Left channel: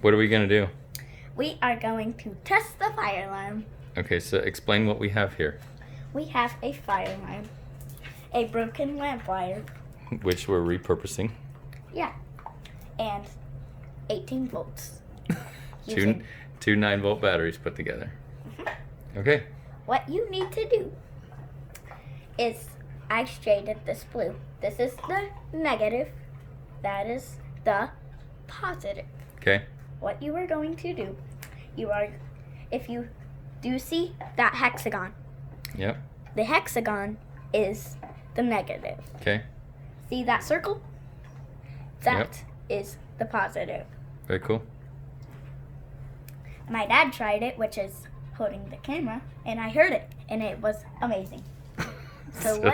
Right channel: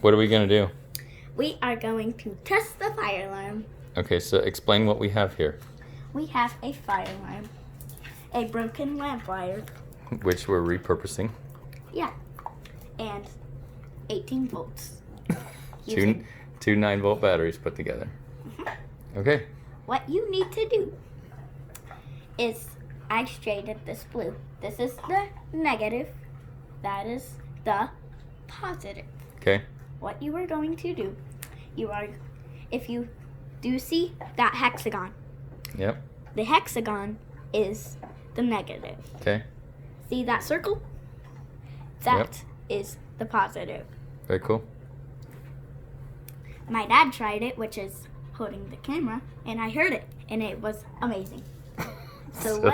What are we going to do? We are going to test the fire alarm. Okay, so explain what we have here. We have a fire alarm, a broken lamp wire, Which we're repurposing. yeah, and 18 volts. Two 9-volt batteries put together. Okay. What you need to do is, I shaded this blue. This is the negative. That is the positive. Okay. What you are going to do, if you do see that hexagon, Yep. the hexagon is the negative. Okay. See that circle? That is the positive. Very cool. My dad tried it, which is holding the camera, and I heard it, and it was amazing. So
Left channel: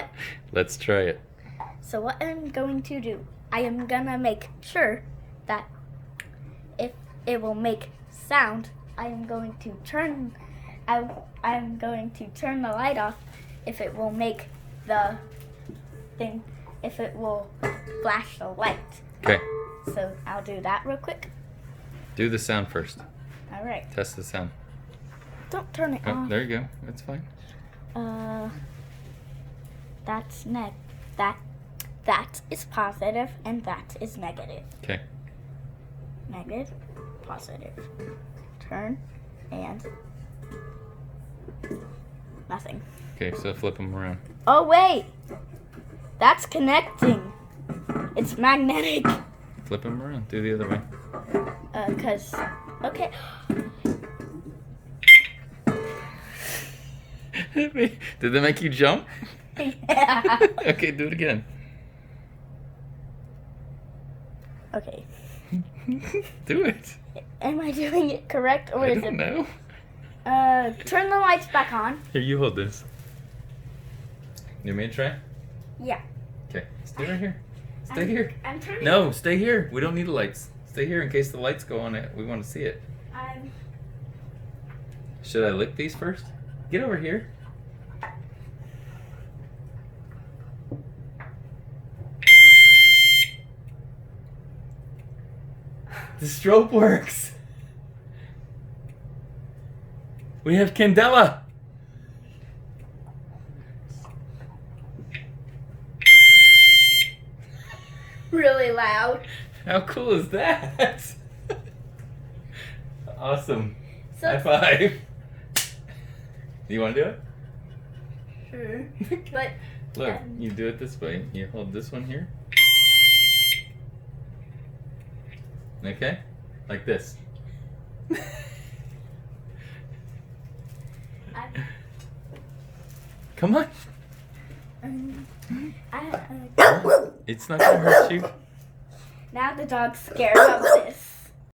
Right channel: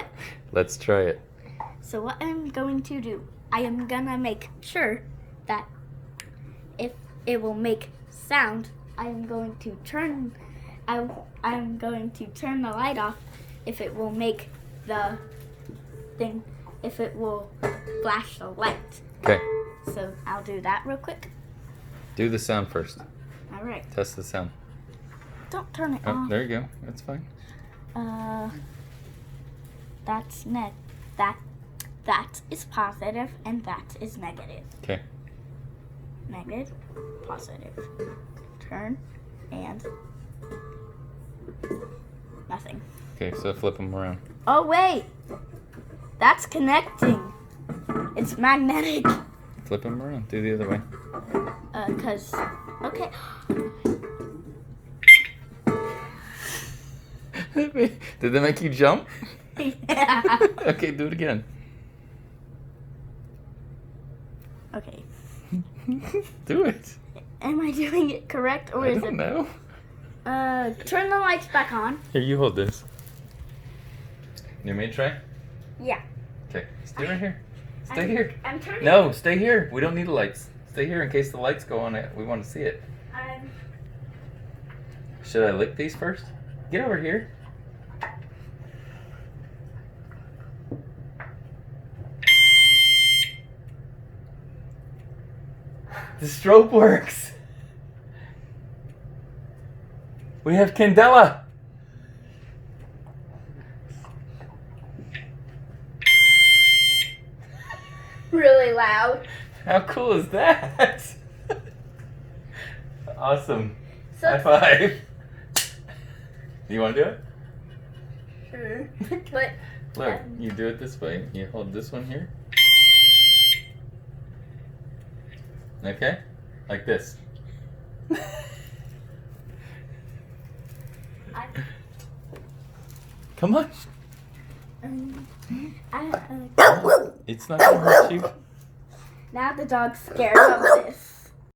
let's try it. So what I'm going to do, I am gonna make sure that if it will make sound, I'm going to turn the light off if it will make the thing, if it will flash the light. Okay. So I'll do that real quick. Do the sound first. All right. Test the sound. Don't turn it Oh, off. there you go. That's fine. That is positive and that is negative. Okay. Negative, positive. Turn and nothing. Okay, so flip them around. Oh wait, that's connecting. It's magnetic. Flip them around. Do the other way. Okay. Did that make you jump? Yeah. Okay, do it again. Okay. Do it. Am I doing it correct or I is don't it? know. Turn the lights back on. Here, you hold this. You want me to try? Yeah. Okay, stay right here. Stay here. I'm turning. No, stay here. We don't need the lights. Stay here in case the lights go on. We want to see it. Should I lick these first? Get over here. The strobe works. We have candela. Really loud. How cool is that? Awesome. So High five. Do you want to do it? sure. But Look, you do it this way. You hold this one here. Okay? Like this. Come on. I, It's not gonna hurt you. now the dog's scared of this.